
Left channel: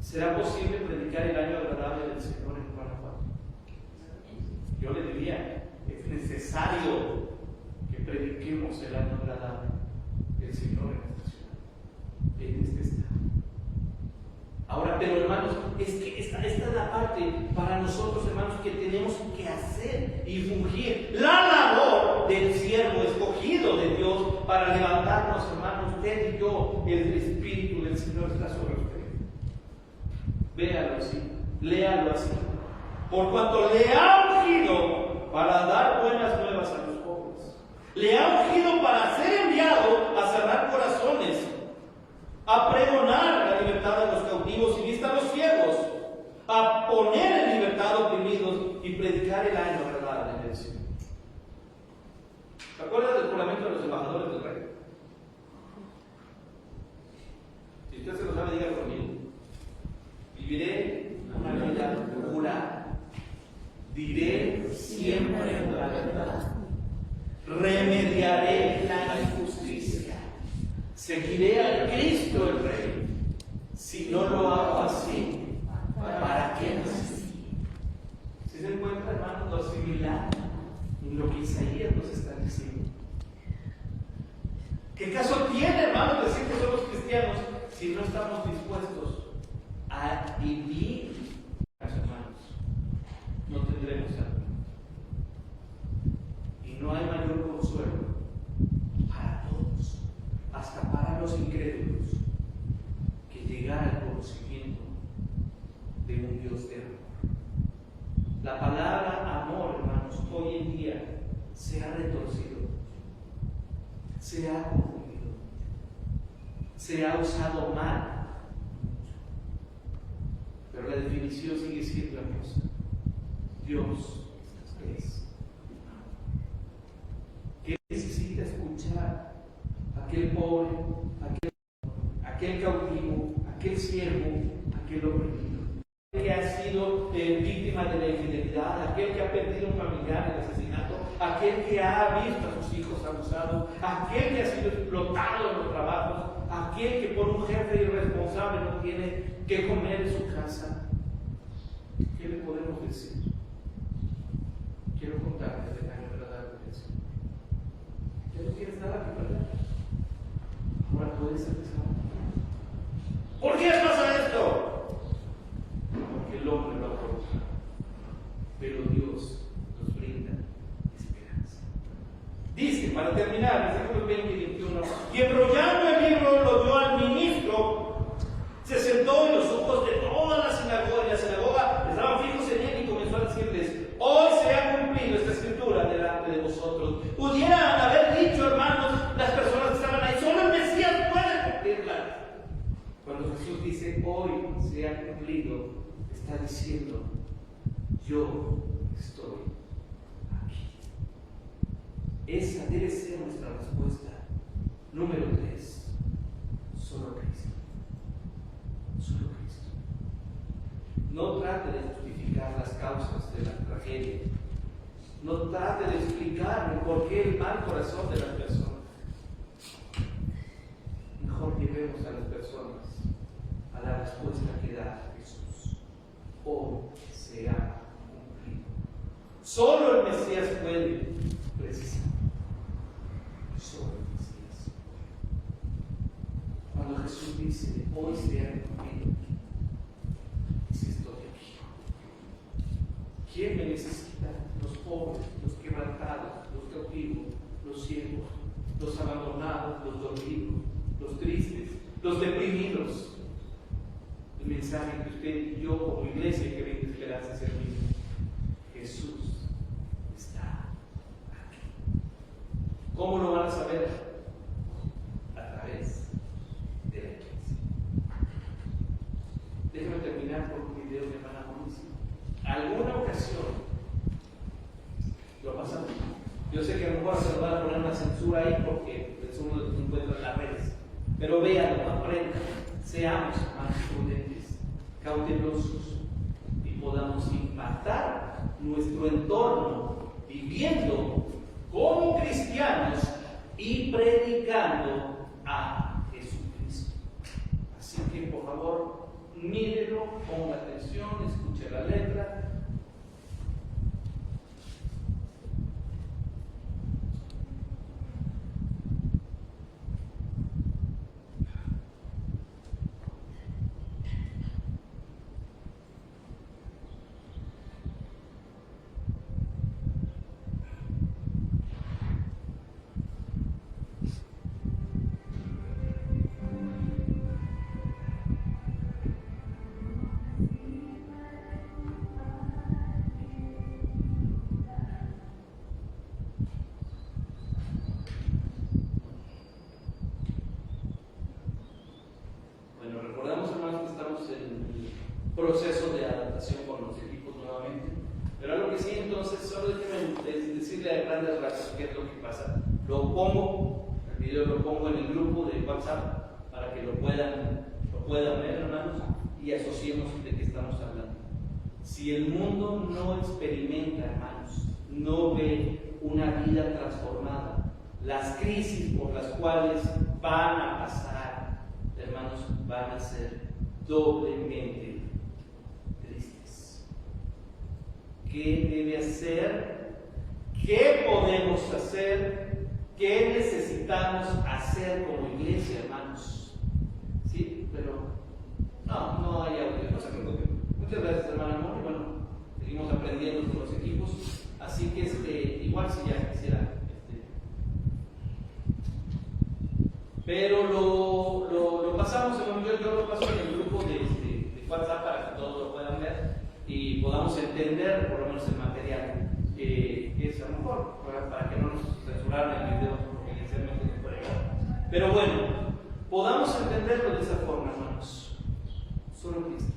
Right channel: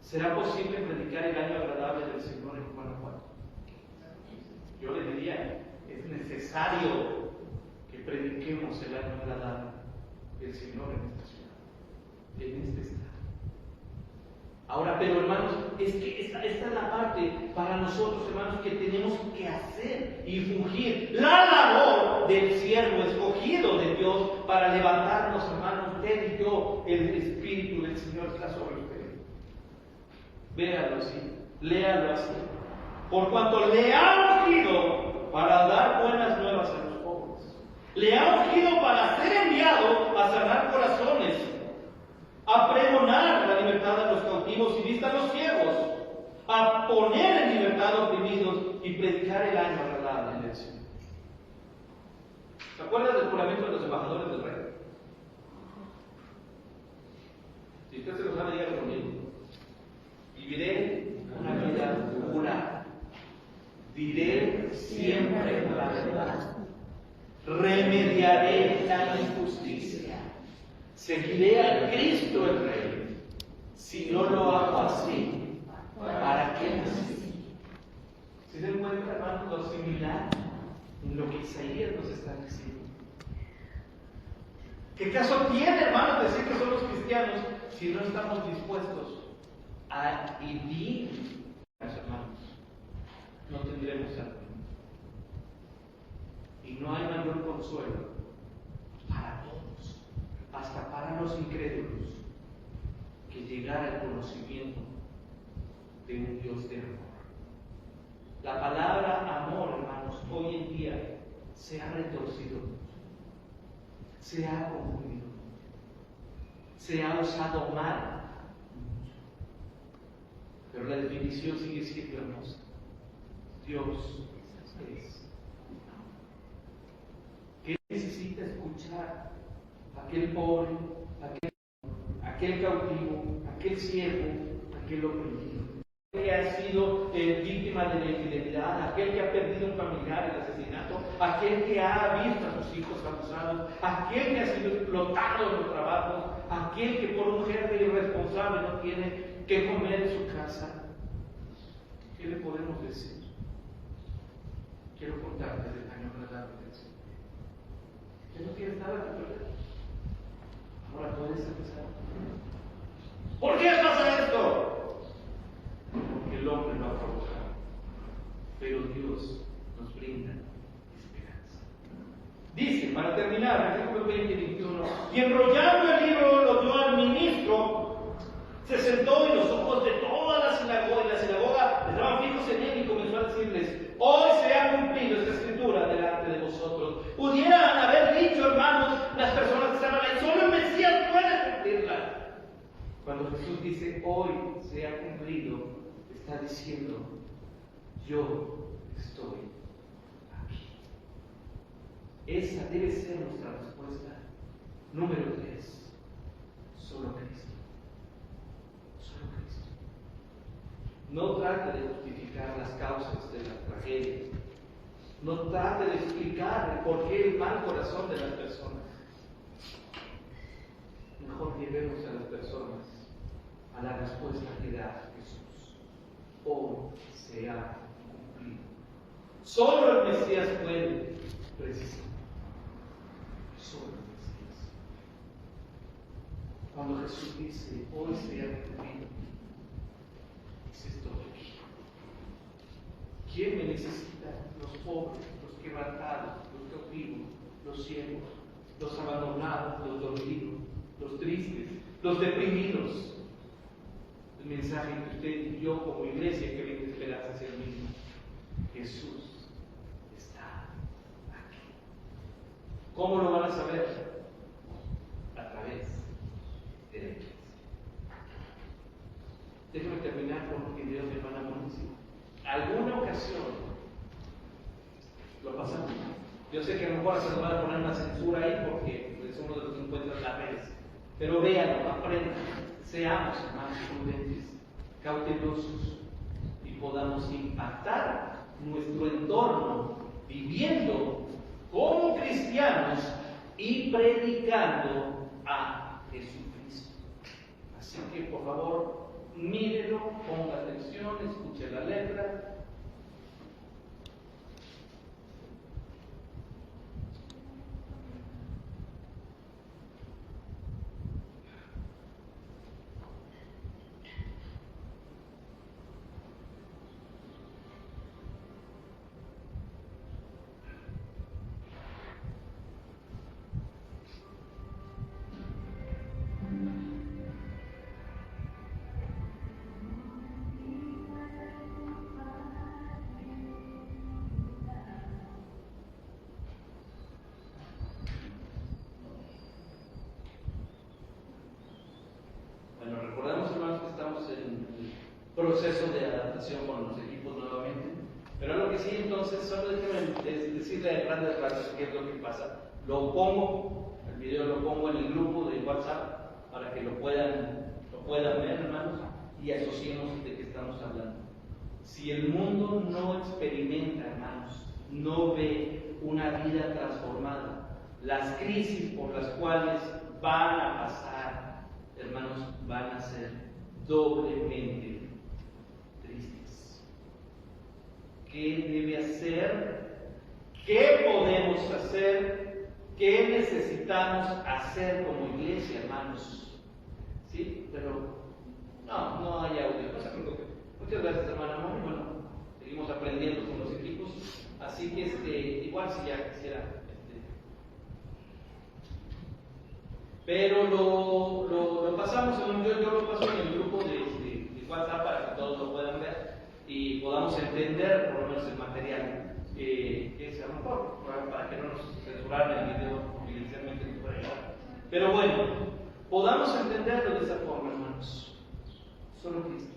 ¿será posible predicar el año agradable del Señor en Guanajuato? Yo le diría, es necesario que prediquemos el año agradable del Señor en esta ciudad, en este estado. Ahora, pero hermanos, es que esta es la parte para nosotros, hermanos, que tenemos que hacer y fungir la labor del siervo escogido de Dios para levantarnos, hermanos, usted y yo. El Espíritu del Señor está sobre usted. Véalo así, léalo así. Por cuanto le ha ungido para dar buenas nuevas a los pobres, le ha ungido para ser enviado a sanar corazones, a pregonar la libertad a los cautivos y vista a los ciegos, a poner en libertad a oprimidos y predicar el año agradable del Señor. ¿Se acuerdan del juramento de los embajadores del rey? Si usted se lo sabe, dígalo conmigo. Viviré una vida pura. Diré siempre la verdad. Remediaré la injusticia. Seguiré a Cristo el Rey. Si no lo hago así, ¿para qué nací? ¿Se dan cuenta, hermanos, lo similar en lo que Isaías nos está diciendo? ¿Qué caso tiene, hermanos, decir que somos cristianos si no estamos dispuestos a vivir, hermanos? No tendremos algo. Y no hay mayor consuelo para todos, hasta para los incrédulos, que llegar al conocimiento de un Dios de amor. La palabra amor, hermanos, hoy en día se ha retorcido, se ha confundido, se ha usado mal. Pero la definición sigue siendo hermosa. Dios es. ¿Qué necesita escuchar aquel pobre, aquel cautivo, aquel siervo, aquel oprimido, aquel que ha sido víctima de la infidelidad, aquel que ha perdido un familiar en el asesinato, aquel que ha visto a sus hijos abusados, aquel que ha sido explotado en los trabajos, aquel que por un jefe irresponsable no tiene que comer en su casa. ¿Qué le podemos decir? Quiero contarte el año agradable del Señor. Ya no tienes nada que perder. Ahora puedes empezar. ¿Por qué pasa esto? Porque el hombre va a provocar, pero Dios nos brinda esperanza. Dice, para terminar, versículos 20 y 21, y enrollando el libro lo dio al ministro, se sentó en los ojos de toda la sinagoga, estaban fijos en él y comenzó a decirles: hoy se ha cumplido esta escritura delante de vosotros. Pudieran haber dicho, hermanos, las personas que estaban ahí, solo el Mesías puede cumplirla. Cuando Jesús dice hoy se ha cumplido, está diciendo: yo estoy aquí. Esa debe ser nuestra respuesta. Número 3, solo Cristo. Solo Cristo. No trate de justificar las causas de las tragedias. No trate de explicar el por qué el mal corazón de las personas. Mejor llevemos a las personas a la respuesta que da Jesús. Hoy se ha cumplido. Solo el Mesías puede precisar. Solo el Mesías. Cuando Jesús dice hoy se ha cumplido, dice: estoy aquí. ¿Quién me necesita? Los pobres, los quebrantados, los cautivos, los ciegos, los abandonados, los dormidos, los tristes, los deprimidos. El mensaje que usted y yo como iglesia que brinda esperanza es el mismo. Jesús está aquí. ¿Cómo lo van a saber? A través de la iglesia. Déjame terminar con un video de hermana Monici. Alguna ocasión lo pasamos. Yo sé que a lo mejor se van a poner una censura ahí porque es uno de los que encuentran en las redes. Pero véanlo, aprendan, seamos más prudentes, cautelosos y podamos impactar nuestro entorno viviendo como cristianos y predicando a Jesucristo. Así que por favor, mírenlo, ponga atención, escuche la letra. Proceso de adaptación con los equipos nuevamente, pero algo que sí, entonces solo déjenme decirle a grandes rasgos qué es lo que pasa. Lo pongo, el video lo pongo en el grupo de WhatsApp para que lo puedan ver, hermanos, y asociemos de qué estamos hablando. Si el mundo no experimenta, hermanos, no ve una vida transformada, las crisis por las cuales van a pasar, hermanos, van a ser doblemente tristes. ¿Qué debe hacer? ¿Qué podemos hacer? ¿Qué necesitamos hacer como iglesia, hermanos? ¿Sí? Pero no hay audio, no se preocupen. Muchas gracias, hermana Moni. Bueno, seguimos aprendiendo con los equipos. Así que igual si ya quisiera. Pero lo pasamos, yo lo paso en el grupo de WhatsApp para que todos lo puedan ver y podamos entender por lo menos el material que es a lo mejor, para que no nos censuraran el video que inicialmente nos puede llegar. Pero bueno, podamos entenderlo de esa forma, hermanos. Solo Cristo.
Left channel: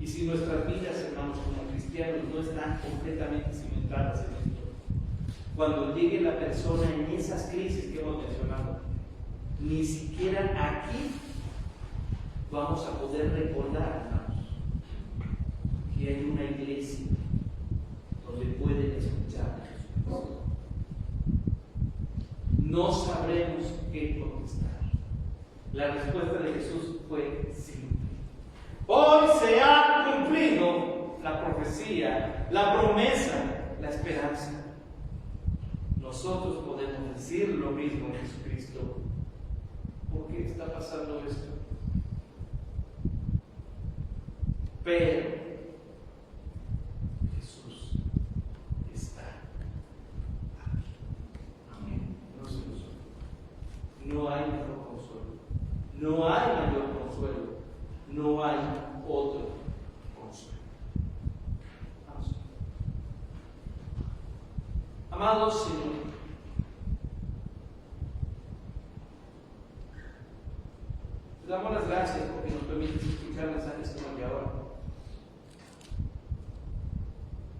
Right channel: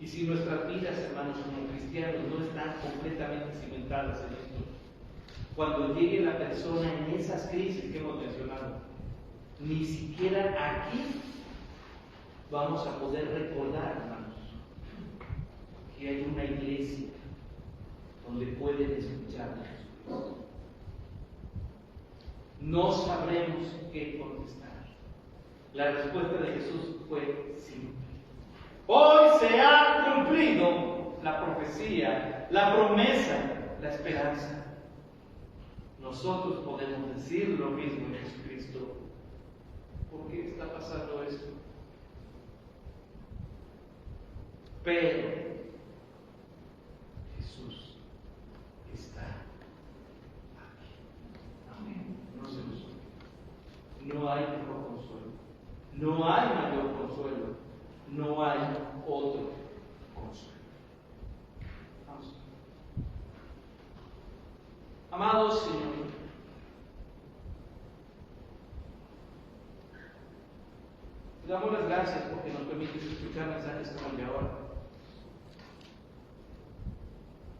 Y si nuestras vidas, hermanos, como cristianos, no están completamente cimentadas en esto, cuando llegue la persona en esas crisis que hemos mencionado, ni siquiera aquí vamos a poder recordar, hermanos, que hay una iglesia donde pueden escuchar a Jesucristo. No sabremos qué contestar. La respuesta de Jesús fue simple. Hoy se ha cumplido la profecía, la promesa, la esperanza. Nosotros podemos decir lo mismo en Jesucristo. ¿Por qué está pasando esto? Pero Jesús está aquí. Amén. No se lo suelto. No hay mejor consuelo. No hay mayor consuelo. No hay otro consuelo. Vamos. Amados Señor, te damos las gracias porque nos permites escuchar mensajes como el de ahora.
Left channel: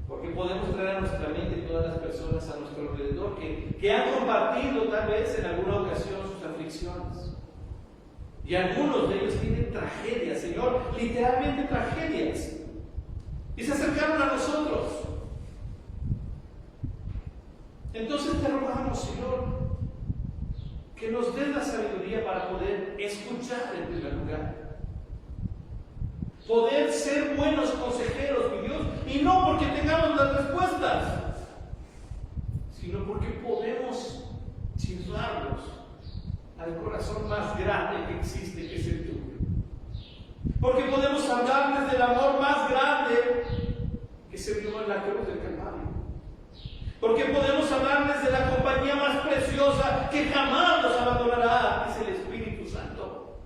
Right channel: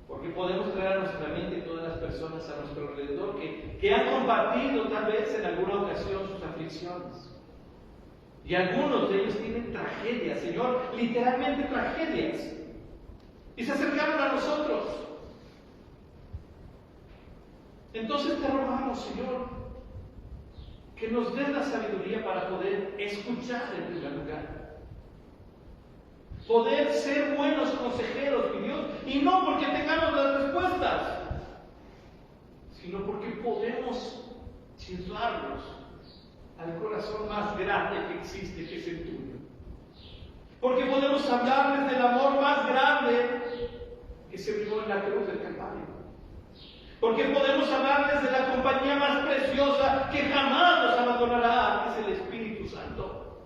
Porque podemos traer a nuestra mente todas las personas a nuestro alrededor que han compartido tal vez en alguna ocasión sus aflicciones. Y algunos de ellos tienen tragedias, Señor, literalmente tragedias. Y se acercaron a nosotros. Entonces te rogamos, Señor, que nos des la sabiduría para poder escuchar en primer lugar. Poder ser buenos consejeros, mi Dios, y no porque tengamos las respuestas, sino porque podemos chirrarlos al corazón más grande que existe, que es el tuyo. Porque podemos hablarles del amor más grande que se vivió en la cruz del Calvario. Porque podemos hablarles de la compañía más preciosa que jamás nos abandonará, que es el Espíritu Santo.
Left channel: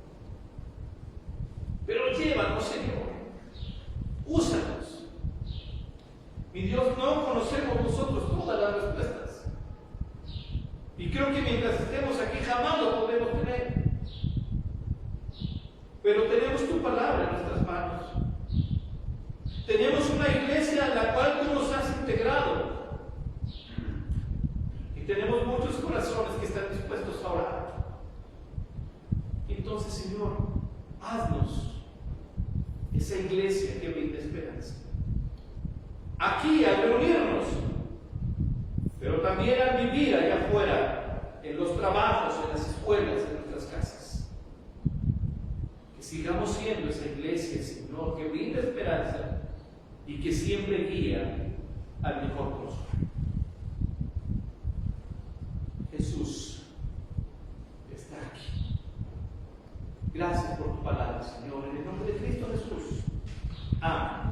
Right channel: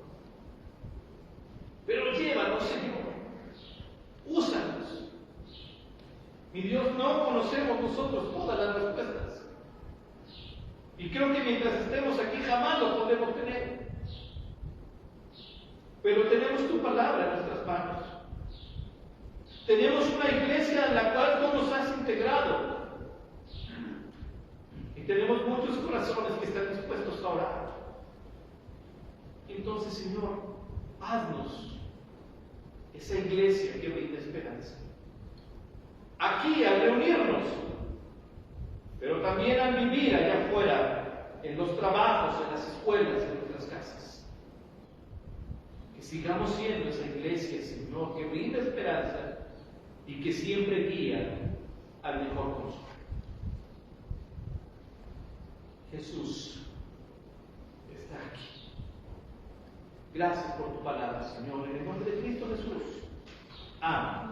Pero llévanos, Señor. Úsanos. Mi Dios, no conocemos nosotros todas las respuestas. Y creo que mientras estemos aquí jamás lo podemos tener. Pero tenemos tu palabra en nuestras manos. Tenemos una iglesia en la cual tú nos has integrado. Y tenemos muchos corazones que están dispuestos a orar. Entonces, Señor, haznos esa iglesia que brinda esperanza. Aquí al reunirnos, pero también al vivir allá afuera, en los trabajos, en las escuelas, en nuestras casas. Que sigamos siendo esa iglesia, Señor, que brinda esperanza y que siempre guía al mejor consuelo. Jesús está aquí. Gracias por tu palabra, Señor, en el nombre de Cristo Jesús. Amén.